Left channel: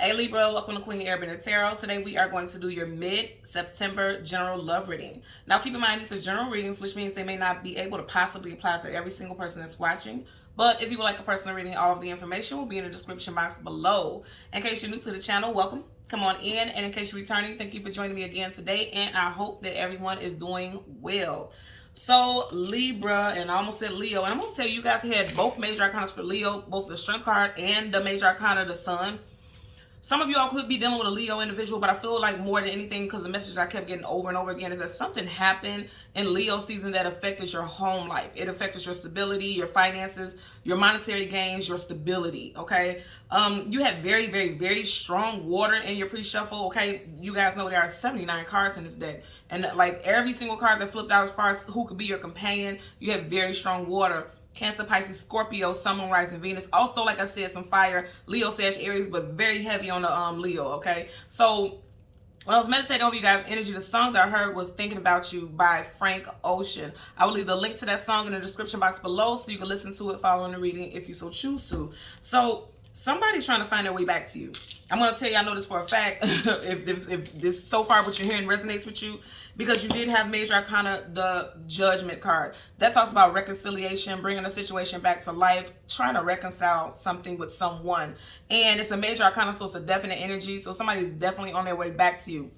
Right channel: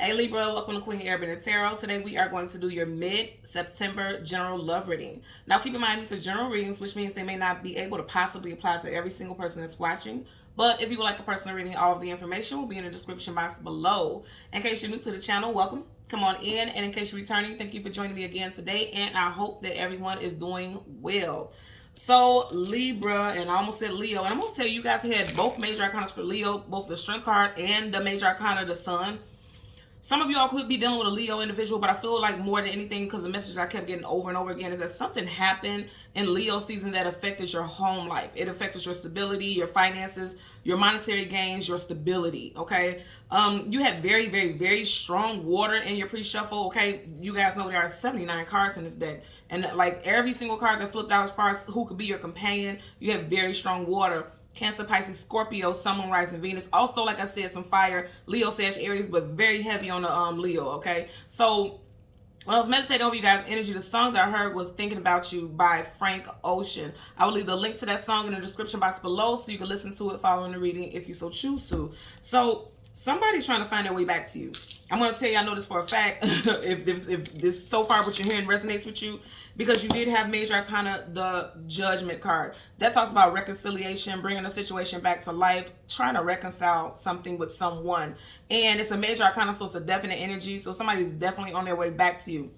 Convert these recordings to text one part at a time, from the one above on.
Hey Libra, welcome to Queen Airbender Tarot. Today we are going to do your mid-September general love reading. Now keep in mind these are general readings, which means they may not be able to possibly apply to every single person that's watching. But if you would like a personal reading, all of the information will be in the description box below. In case you're new to the channel, welcome. Come on in. And in case you're returning, thank you for joining me again today. And I hope that everyone is doing well. So Libra, and I almost said Leo, and I'm going to tell you guys had both major arcanas for Leo, both the Strength card and the major arcana, the Sun. Some of y'all could be dealing with a Leo individual, but I feel like more than anything, because the message I kept getting over and over again is that something happened in Leo season that affected your home life. It affected your stability, your finances, your monetary gains, your stability, okay? You had very, very, very strong water in your pre-shuffle, okay? You guys know there are 79 cards in this deck. And like every single card that flipped out as far as who could be your companion, you have very strong water. Cancer, Pisces, Scorpio, Sun, Moon, Rising, Venus. Also, like I said, some fire, Leo, Sag, Aries, but very heavy on the Leo, okay? So, when I was meditating over you guys' energy, the song that I heard was Thinking About You by Frank Ocean. I will leave the link to that song in the description box below so you can listen to it following the reading if you so choose to. So, somebody's trying to find their way back to you. I'm going to tell you, I know this for a fact, if this so far what you're hearing resonates with you, because you did have major arcana, the Judgment card. That talks about reconciliation, bringing a situation back to life, trying to reconcile something with someone. And it's a major arcana, so it's a definite energy. So somebody's definitely on their way back to you.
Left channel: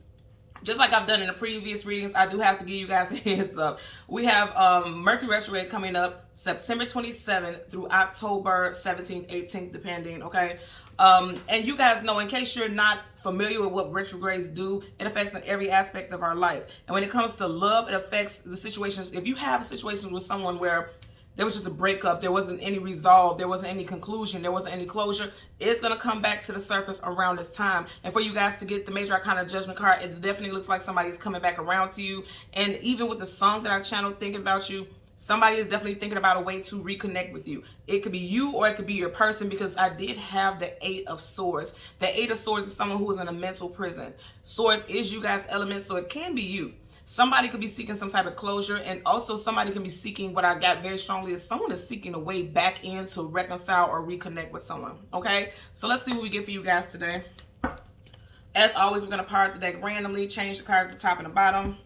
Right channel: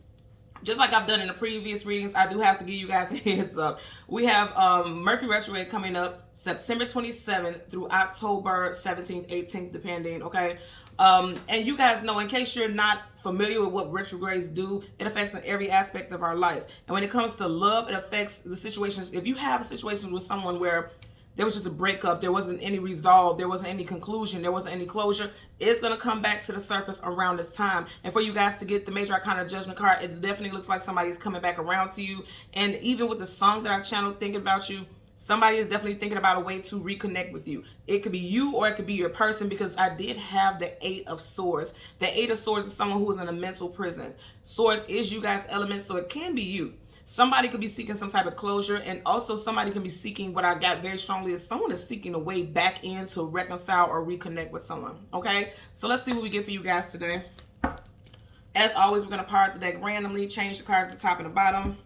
Just like I've done in the previous readings, I do have to give you guys a heads up. We have Mercury retrograde coming up September 27th through October 17th, 18th, depending, okay? And you guys know, in case you're not familiar with what retrogrades do, it affects in every aspect of our life. And when it comes to love, it affects the situations. If you have situations with someone where there was just a breakup, there wasn't any resolve, there wasn't any conclusion, there wasn't any closure, it's going to come back to the surface around this time. And for you guys to get the major arcana Judgment card, it definitely looks like somebody's coming back around to you. And even with the song that I channeled, Thinking About You, somebody is definitely thinking about a way to reconnect with you. It could be you or it could be your person, because I did have the Eight of Swords. The Eight of Swords is someone who is in a mental prison. Swords is you guys' element, so it can be you. Somebody could be seeking some type of closure, and also somebody can be seeking, what I got very strongly is someone is seeking a way back in to reconcile or reconnect with someone, okay? So let's see what we get for you guys today. As always, we're going to part the deck randomly, change the card at the top and the bottom.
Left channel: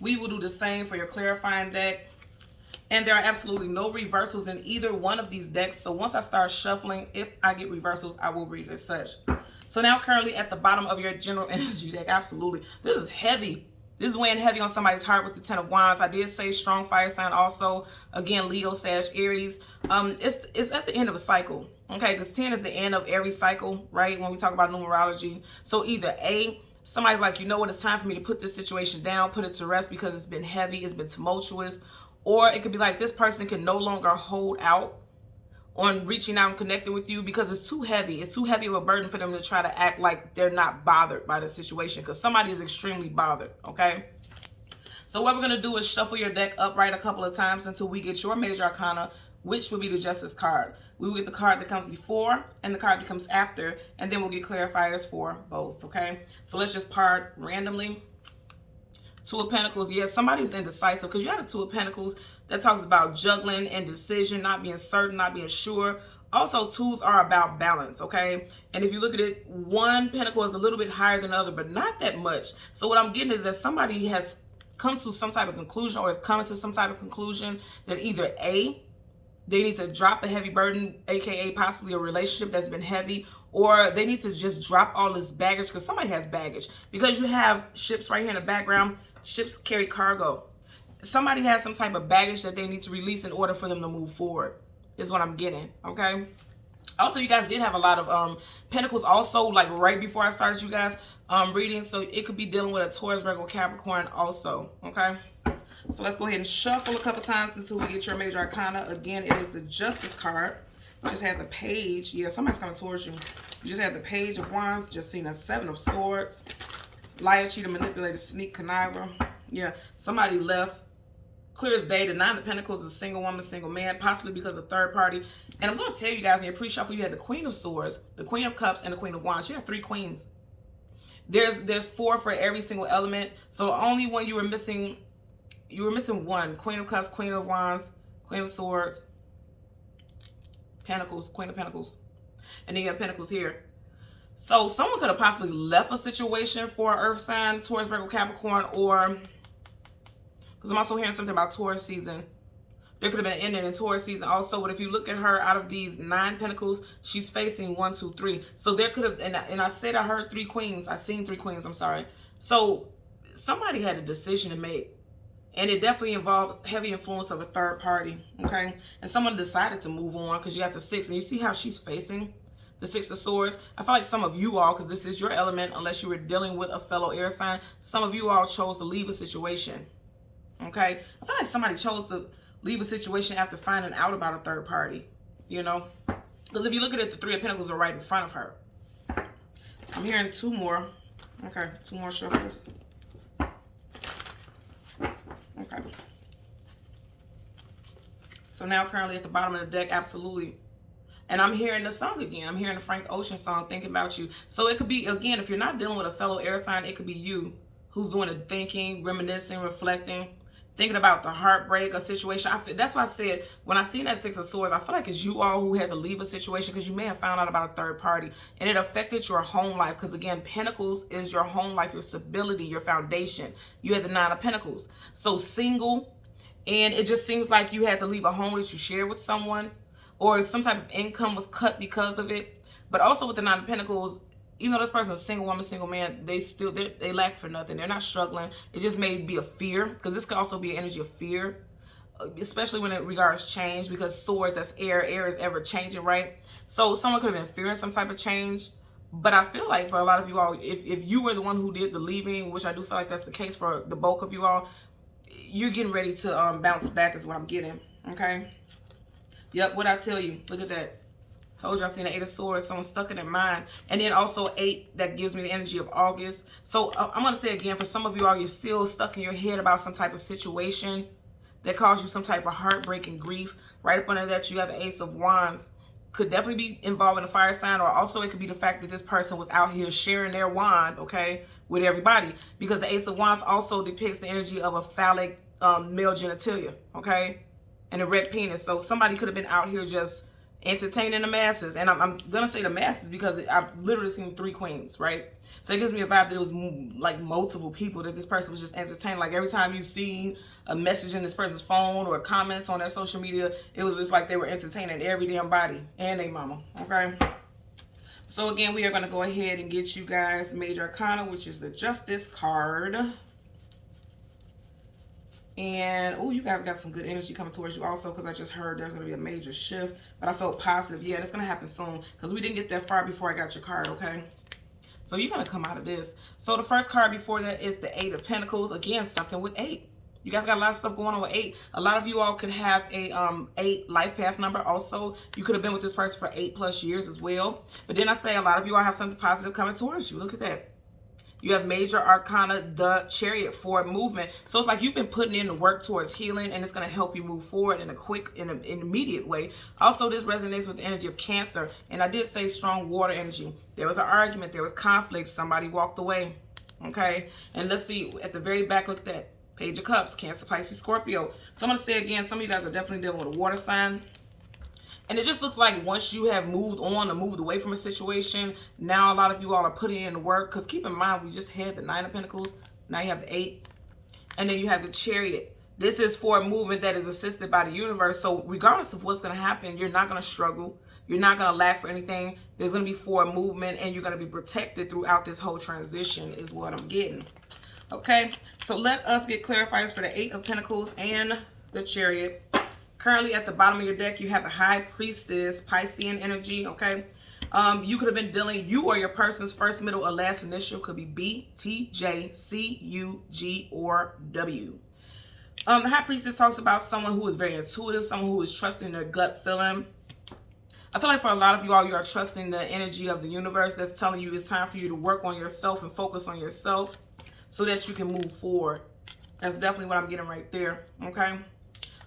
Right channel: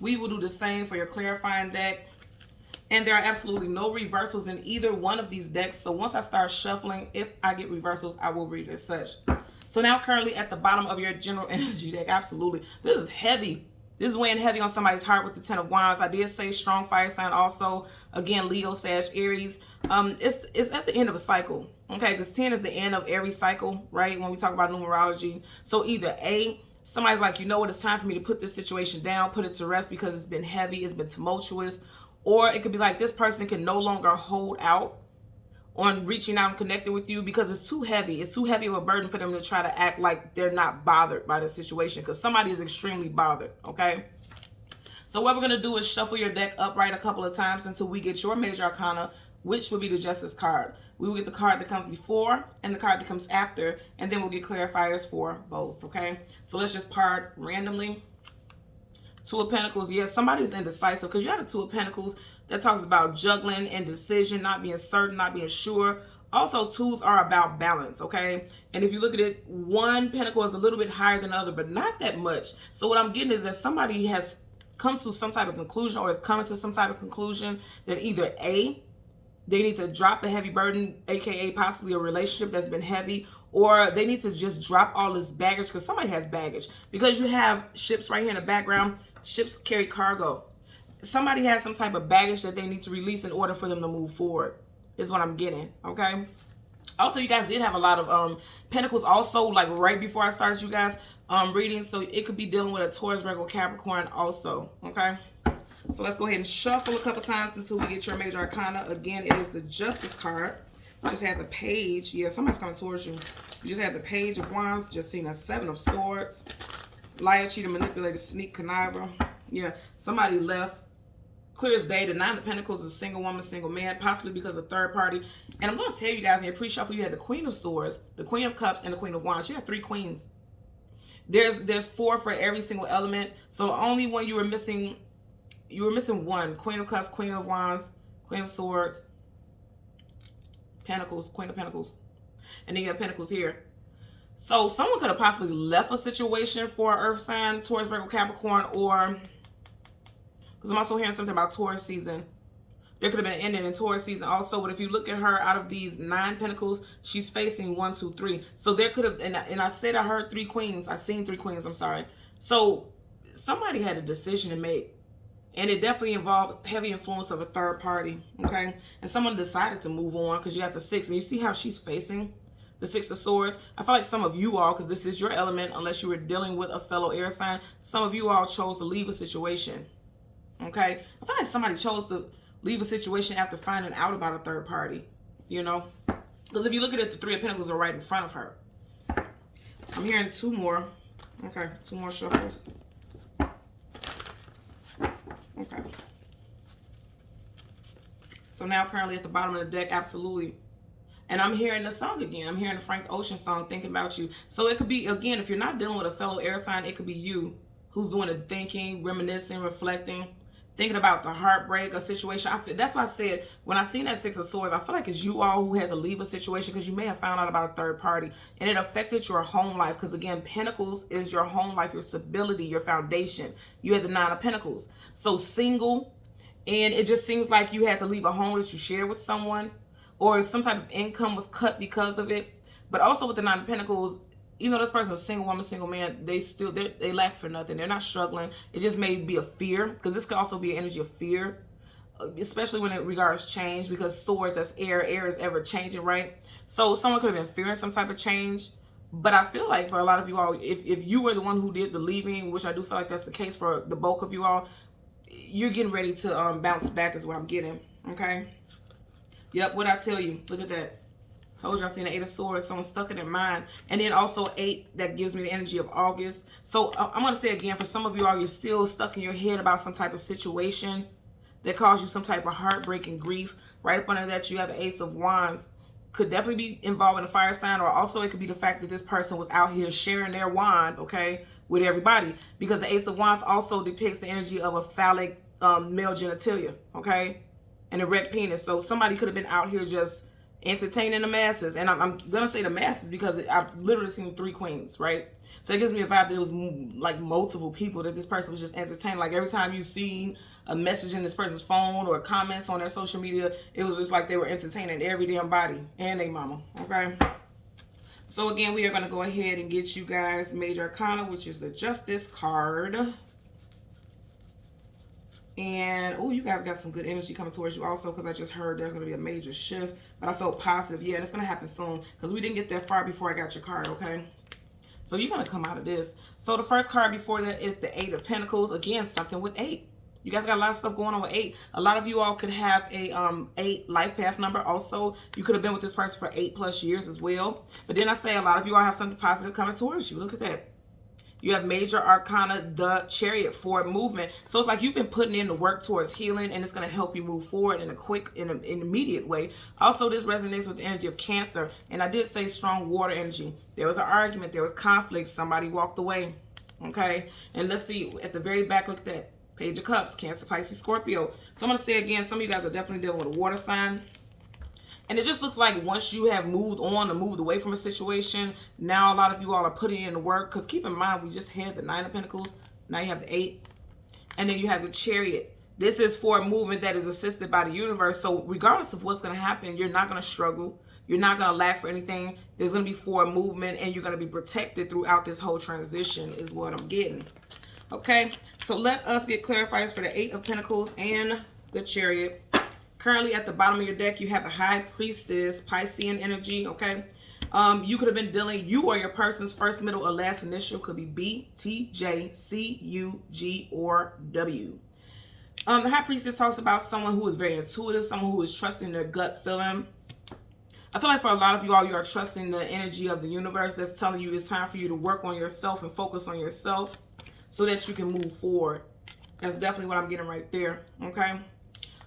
We will do the same for your clarifying deck. And there are absolutely no reversals in either one of these decks. So once I start shuffling, if I get reversals, I will read it as such. So now currently at the bottom of your general energy deck, absolutely. This is heavy. This is weighing heavy on somebody's heart with the Ten of Wands. I did say strong fire sign also. Again, Leo, Sag, Aries. It's at the end of a cycle. Okay, because 10 is the end of every cycle, right? When we talk about numerology. So either A, somebody's like, you know what, it's time for me to put this situation down, put it to rest because it's been heavy, it's been tumultuous. Or it could be like this person can no longer hold out on reaching out and connecting with you because it's too heavy. It's too heavy of a burden for them to try to act like they're not bothered by the situation, because somebody is extremely bothered, okay? So what we're going to do is shuffle your deck upright a couple of times until we get your major arcana, which will be the Justice card. We will get the card that comes before and the card that comes after, and then we'll get clarifiers for both, okay? So let's just part randomly. Two of Pentacles, yes, somebody's indecisive, because you have a Two of Pentacles that talks about juggling, indecision, not being certain, not being sure. Also, twos are about balance, okay? And if you look at it, one pentacle is a little bit higher than the other, but not that much. So what I'm getting is that somebody has come to some type of conclusion, or is coming to some type of conclusion that either A, they need to drop a heavy burden, aka possibly a relationship that's been heavy, or they need to just drop all this baggage, because somebody has baggage. Because you have ships right here in the background. Ships carry cargo. Somebody has some type of baggage that they need to release in order for them to move forward, is what I'm getting, okay? Also, you guys did have a lot of pentacles also, like right before I started you guys reading. So it could be dealing with a Taurus, Virgo, Capricorn also, okay? So let's go ahead and shuffle a couple times until we get your major arcana. Again, it is the Justice card. Just had the Page. Yeah, somebody's coming towards you. You just had the Page of Wands. Just seen a Seven of Swords. Liar, cheater, manipulator, sneak, conniver. Yeah, somebody left. Clear as day. The Nine of Pentacles is a single woman, single man, possibly because of third party. And I'm going to tell you guys in your pre-shuffle, you had the Queen of Swords, the Queen of Cups, and the Queen of Wands. You had 3 queens. There's 4 for every single element. So the only one you were missing one. Queen of Cups, Queen of Wands, Queen of Swords, Pentacles, Queen of Pentacles. And then you have Pentacles here. So someone could have possibly left a situation for an earth sign, Taurus, Virgo, Capricorn, or, because I'm also hearing something about Taurus season. There could have been an ending in Taurus season also, but if you look at her, out of these 9 pentacles, she's facing 1, 2, 3. So there could have, and I said I heard 3 queens. I seen 3 queens, I'm sorry. So somebody had a decision to make, and it definitely involved heavy influence of a third party, okay? And someone decided to move on, because you got the 6, and you see how she's facing the 6 of Swords. I feel like some of you all, because this is your element, unless you were dealing with a fellow air sign, some of you all chose to leave a situation, okay? I feel like somebody chose to leave a situation after finding out about a third party, you know? Because if you look at it, the 3 of Pentacles are right in front of her. I'm hearing 2 more. Okay, 2 more shuffles. Okay. So now currently at the bottom of the deck, absolutely. And I'm hearing the song again. I'm hearing the Frank Ocean song, Thinking About You. So it could be, again, if you're not dealing with a fellow air sign, it could be you who's doing the thinking, reminiscing, reflecting, thinking about the heartbreak, a situation. That's why I said, when I seen that 6 of Swords, I feel like it's you all who had to leave a situation because you may have found out about a third party. And it affected your home life. Because again, Pentacles is your home life, your stability, your foundation. You had the 9 of Pentacles. So single, and it just seems like you had to leave a home that you share with someone, or some type of income was cut because of it. But also with the 9 of Pentacles, even though this person is a single woman, single man, they lack for nothing. They're not struggling. It just may be a fear, because this could also be an energy of fear, especially when it regards change, because Swords, that's air. Air is ever changing, right? So someone could have been fearing some type of change. But I feel like for a lot of you all, if you were the one who did the leaving, which I do feel like that's the case for the bulk of you all, you're getting ready to bounce back is what I'm getting, okay? Yep, what I tell you, look at that. Told you I seen the 8 of Swords, someone stuck it in mind. And then also 8, that gives me the energy of August. So I'm going to say again, for some of you all, you're still stuck in your head about some type of situation that caused you some type of heartbreak and grief. Right up under that, you have the Ace of Wands. Could definitely be involved in a fire sign, or also it could be the fact that this person was out here sharing their wand, okay, with everybody. Because the Ace of Wands also depicts the energy of a phallic male genitalia, okay, and a red penis. So somebody could have been out here just entertaining the masses. And I'm going to say the masses because I've literally seen 3 queens, right? So it gives me a vibe that it was like multiple people that this person was just entertaining. Like every time you see a message in this person's phone or comments on their social media, it was just like they were entertaining every damn body and their mama, okay? So again, we are going to go ahead and get you guys Major Arcana, which is the Justice card. And, oh, you guys got some good energy coming towards you also, because I just heard there's going to be a major shift. But I felt positive. Yeah, it's going to happen soon, because we didn't get that far before I got your card, okay? So you're going to come out of this. So the first card before that is the 8 of Pentacles. Again, something with 8. You guys got a lot of stuff going on with 8. A lot of you all could have a 8 life path number also. You could have been with this person for 8+ years as well. But then I say a lot of you all have something positive coming towards you. Look at that. You have Major Arcana, the Chariot, for movement. So it's like you've been putting in the work towards healing, and it's going to help you move forward in a quick, in an immediate way. Also, this resonates with the energy of Cancer. And I did say strong water energy. There was an argument. There was conflict. Somebody walked away. Okay? And let's see. At the very back, look at that. Page of Cups, Cancer, Pisces, Scorpio. So I'm going to say again, some of you guys are definitely dealing with a water sign. And it just looks like once you have moved on or moved away from a situation, now a lot of you all are putting in the work. Because keep in mind, we just had the 9 of Pentacles. Now you have the 8. And then you have the Chariot. This is for a movement that is assisted by the universe. So regardless of what's going to happen, you're not going to struggle. You're not going to lack for anything. There's going to be forward movement, and you're going to be protected throughout this whole transition is what I'm getting. Okay, so let us get clarifiers for the 8 of Pentacles and the Chariot. Currently at the bottom of your deck, you have the High Priestess, Piscean energy, okay? You could have been dealing, you or your person's first, middle, or last initial could be B, T, J, C, U, G, or W. The High Priestess talks about someone who is very intuitive, someone who is trusting their gut feeling. I feel like for a lot of you all, you are trusting the energy of the universe that's telling you it's time for you to work on yourself and focus on yourself so that you can move forward. That's definitely what I'm getting right there, okay?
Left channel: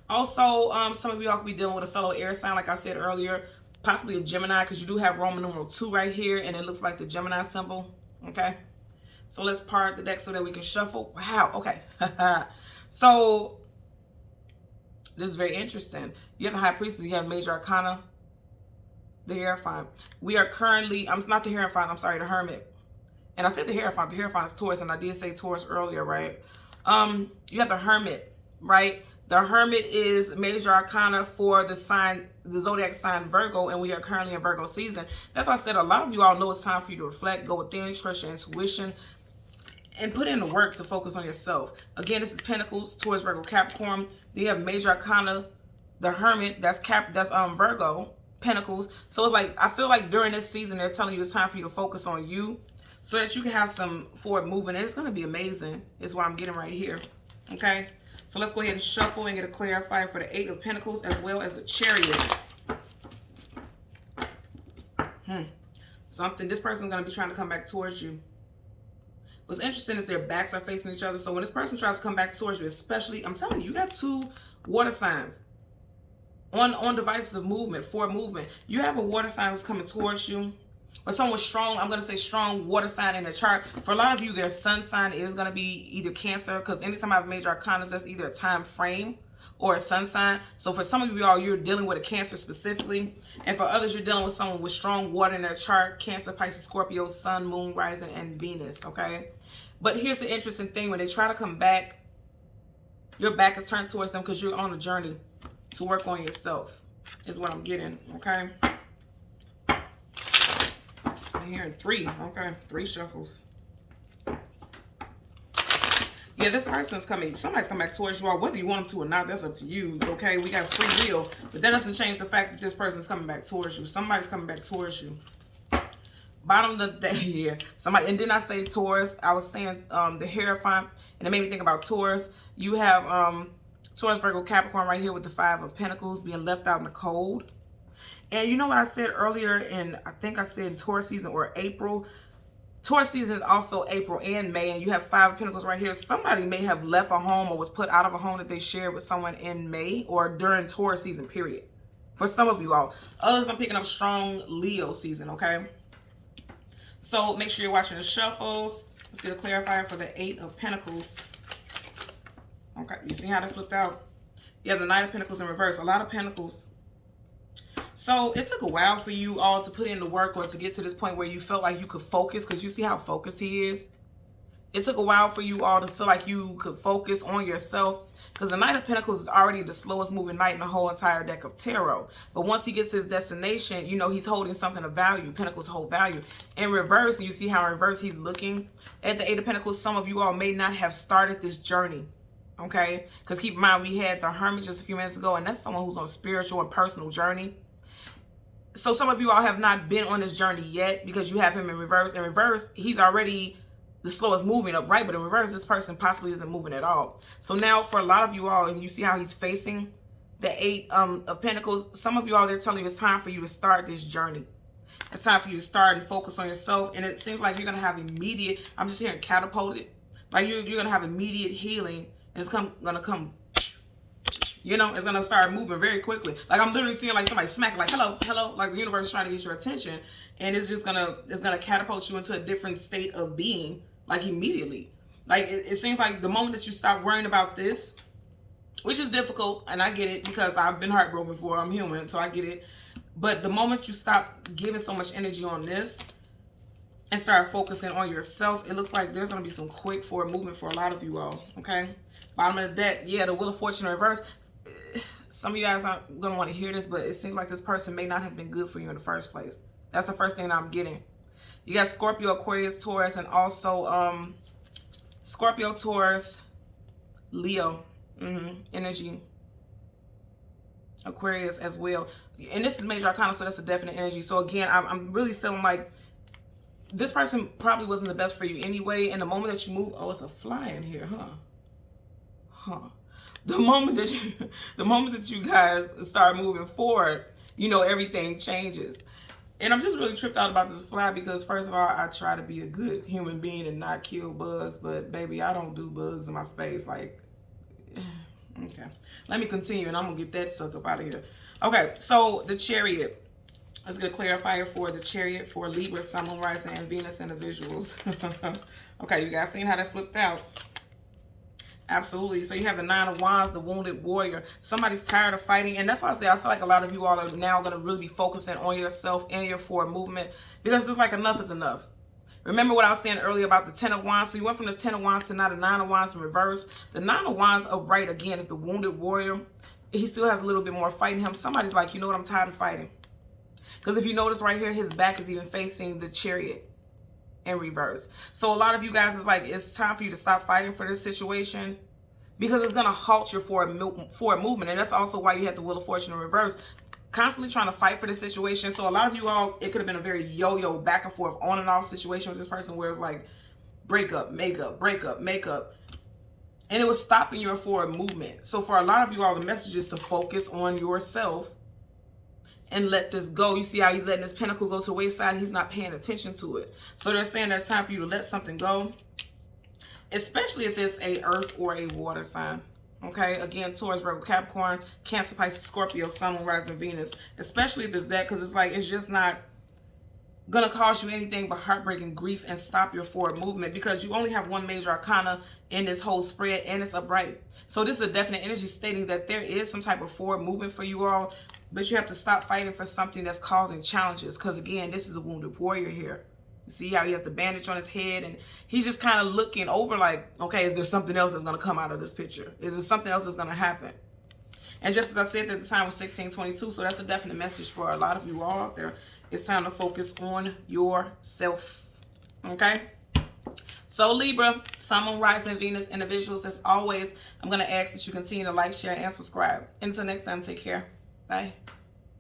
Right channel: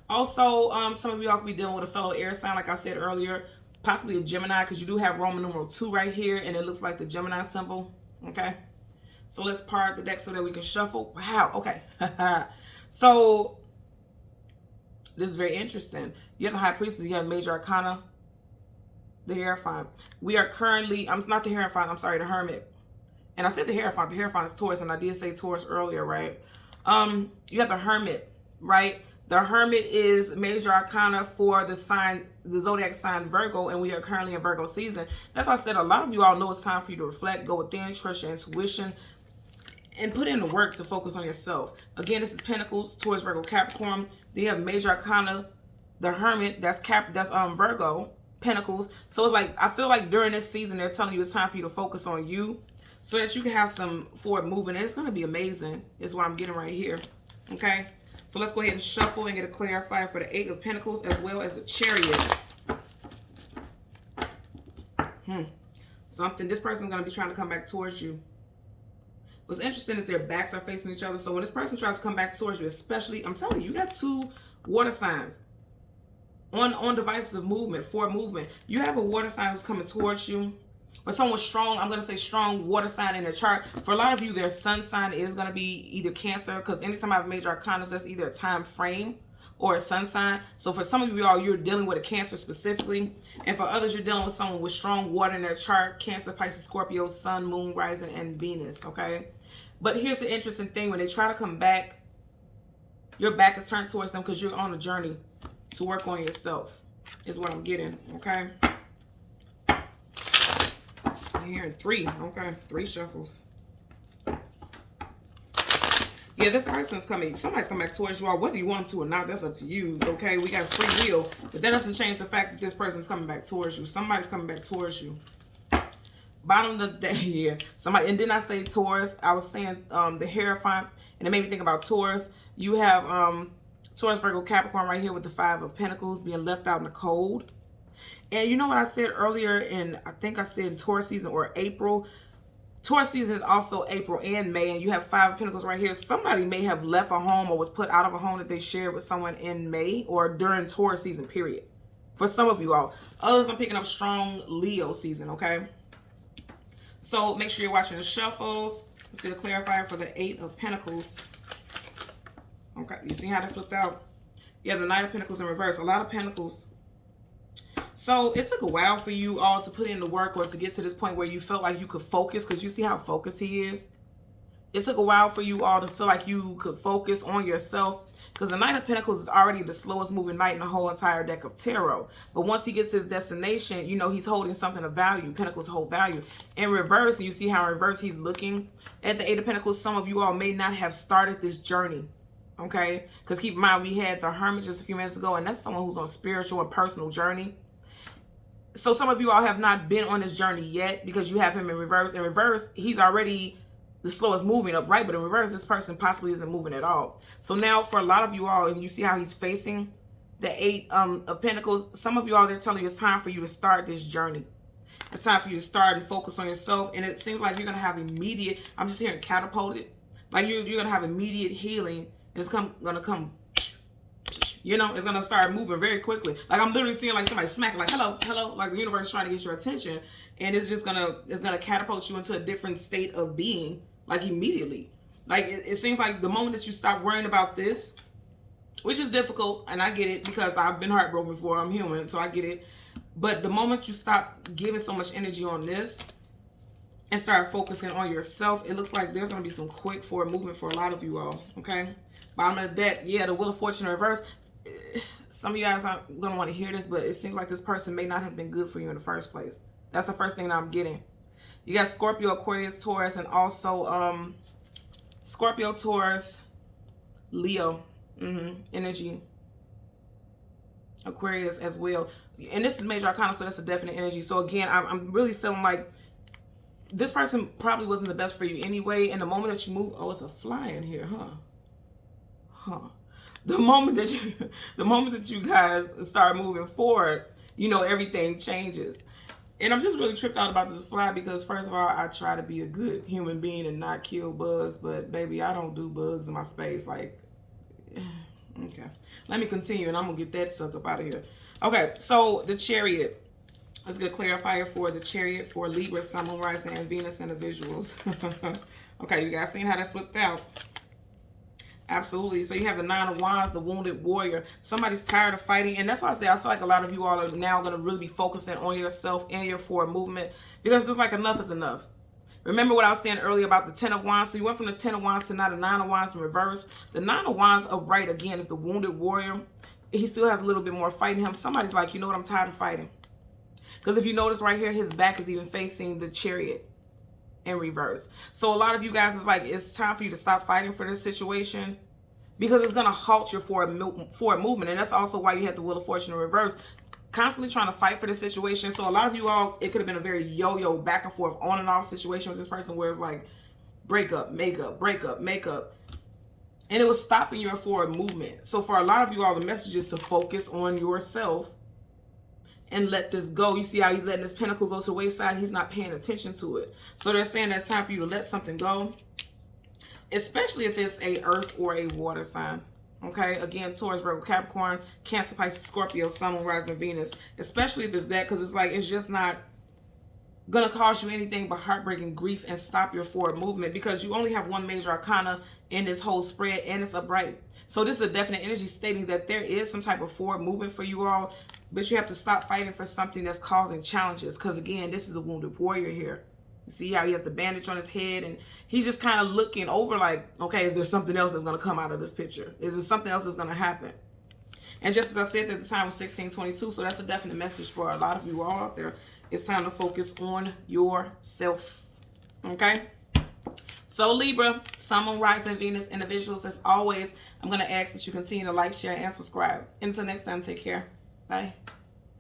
Also, some of y'all could be dealing with a fellow air sign, like I said earlier, possibly a Gemini, because you do have Roman numeral 2 right here, and it looks like the Gemini symbol, okay? So let's part the deck so that we can shuffle. Wow, okay. So this is very interesting. You have the High Priestess, you have Major Arcana, The Hierophant. We are currently, I'm not the Hierophant, I'm sorry, the Hermit. And I said the Hierophant is Taurus, and I did say Taurus earlier, right? You have the Hermit, right? The Hermit is major arcana for the sign, the zodiac sign Virgo, and we are currently in Virgo season. That's why I said a lot of you all know it's time for you to reflect, go within, trust your intuition, and put in the work to focus on yourself. Again, this is Pentacles, Taurus, Virgo, Capricorn. They have major arcana, the Hermit, that's Virgo, Pentacles. So it's like, I feel like during this season, they're telling you it's time for you to focus on you so that you can have some forward movement. And it's going to be amazing, is what I'm getting right here. Okay? So let's go ahead and shuffle and get a clarifier for the 8 of Pentacles as well as the Chariot. Something, this person's going to be trying to come back towards you. What's interesting is their backs are facing each other. So when this person tries to come back towards you, especially, I'm telling you, you got 2 water signs on devices of movement, for movement. You have a water sign who's coming towards you, or someone strong, I'm going to say strong water sign in the chart. For a lot of you, their sun sign is going to be either Cancer, because anytime I have major arcana, that's either a time frame or a sun sign. So for some of you all, you're dealing with a Cancer specifically. And for others, you're dealing with someone with strong water in their chart. Cancer, Pisces, Scorpio, Sun, Moon, Rising, and Venus, okay? But here's the interesting thing. When they try to come back, your back is turned towards them because you're on a journey to work on yourself, is what I'm getting, okay? I'm hearing 3, okay? 3 shuffles. Yeah, this person's coming. Somebody's coming back towards you all, whether you want them to or not. That's up to you, okay? We got free will, but that doesn't change the fact that this person's coming back towards you. Somebody's coming back towards you. Bottom of the day here. Somebody, and didn't I say Taurus? I was saying the Hierophant, and it made me think about Taurus. You have Taurus, Virgo, Capricorn right here with the 5 of Pentacles being left out in the cold. And you know what I said earlier in, I think I said in Taurus season or April. Taurus season is also April and May, and you have 5 of Pentacles right here. Somebody may have left a home or was put out of a home that they shared with someone in May or during Taurus season, period. For some of you all. Others, I'm picking up strong Leo season, okay? So make sure you're watching the shuffles. Let's get a clarifier for the 8 of Pentacles. Okay, you see how that flipped out? Yeah, the Knight of Pentacles in reverse. A lot of Pentacles. So it took a while for you all to put in the work or to get to this point where you felt like you could focus, because you see how focused he is. It took a while for you all to feel like you could focus on yourself, because the Knight of Pentacles is already the slowest moving knight in the whole entire deck of tarot. But once he gets to his destination, you know he's holding something of value. Pentacles hold value. In reverse, you see how in reverse he's looking at the 8 of Pentacles. Some of you all may not have started this journey, okay? Because keep in mind, we had the Hermit just a few minutes ago, and that's someone who's on a spiritual and personal journey. So some of you all have not been on this journey yet because you have him in reverse. In reverse, he's already the slowest moving up, right? But in reverse, this person possibly isn't moving at all. So now for a lot of you all, and you see how he's facing the 8 of Pentacles, some of you all, they're telling you it's time for you to start this journey. It's time for you to start and focus on yourself. And it seems like you're going to have immediate, I'm just hearing catapulted. Like you're going to have immediate healing, and it's going to come, you know, it's going to start moving very quickly. Like I'm literally seeing like somebody smack, like, hello, hello, like the universe is trying to get your attention. And it's just going to catapult you into a different state of being, like immediately. Like it seems like the moment that you stop worrying about this, which is difficult, and I get it because I've been heartbroken before, I'm human, so I get it. But the moment you stop giving so much energy on this and start focusing on yourself, it looks like there's going to be some quick forward movement for a lot of you all, okay? Bottom of the deck, yeah, the Wheel of Fortune in reverse. Some of you guys aren't going to want to hear this, but it seems like this person may not have been good for you in the first place. That's the first thing that I'm getting. You got Scorpio, Aquarius, Taurus, and also Scorpio, Taurus, Leo energy. Aquarius as well. And this is major arcana, so that's a definite energy. So again, I'm really feeling like this person probably wasn't the best for you anyway. And the moment that you move, oh, it's a fly in here, huh? The moment that you guys start moving forward, you know, everything changes. And I'm just really tripped out about this fly because, first of all, I try to be a good human being and not kill bugs. But, baby, I don't do bugs in my space. Like, okay. Let me continue, and I'm going to get that sucker up out of here. Okay, so the Chariot. Let's get a clarifier for the Chariot for Libra, Sun, Moon, Rising, and Venus individuals. Okay, you guys seen how that flipped out? Absolutely. So you have the Nine of Wands, the wounded warrior. Somebody's tired of fighting. And that's why I say I feel like a lot of you all are now going to really be focusing on yourself and your forward movement, because it's like enough is enough. Remember what I was saying earlier about the Ten of Wands? So you went from the Ten of Wands to now the Nine of Wands in reverse. The Nine of Wands upright, again, is the wounded warrior. He still has a little bit more fight in him. Somebody's like, you know what, I'm tired of fighting. Because if you notice right here, his back is even facing the Chariot in reverse. So a lot of you guys is like, it's time for you to stop fighting for this situation, because it's going to halt your forward movement. And that's also why you had the Wheel of Fortune in reverse, constantly trying to fight for this situation. So a lot of you all, it could have been a very yo-yo back and forth on and off situation with this person, where it's like break up, make up, break up, make up. And it was stopping your forward movement. So for a lot of you all, the message is to focus on yourself and let this go. You see how he's letting this pentacle go to the wayside? He's not paying attention to it. So they're saying that it's time for you to let something go, especially if it's a earth or a water sign. Okay, again, Taurus, Virgo, Capricorn, Cancer, Pisces, Scorpio, Sun, Moon, Rising, Venus. Especially if it's that, because it's like, it's just not going to cause you anything but heartbreak and grief and stop your forward movement, because you only have one major arcana in this whole spread, and it's upright. So this is a definite energy stating that there is some type of forward movement for you all, but you have to stop fighting for something that's causing challenges, because again, this is a wounded warrior here. You see how he has the bandage on his head, and he's just kind of looking over like, okay, is there something else that's going to come out of this picture? Is there something else that's going to happen? And just as I said, at the time was 1622, so that's a definite message for a lot of you all out there. It's time to focus on yourself, okay? So Libra, Sun, Moon, Rising, Venus individuals, as always, I'm going to ask that you continue to like, share, and subscribe. Until next time, take care. Bye.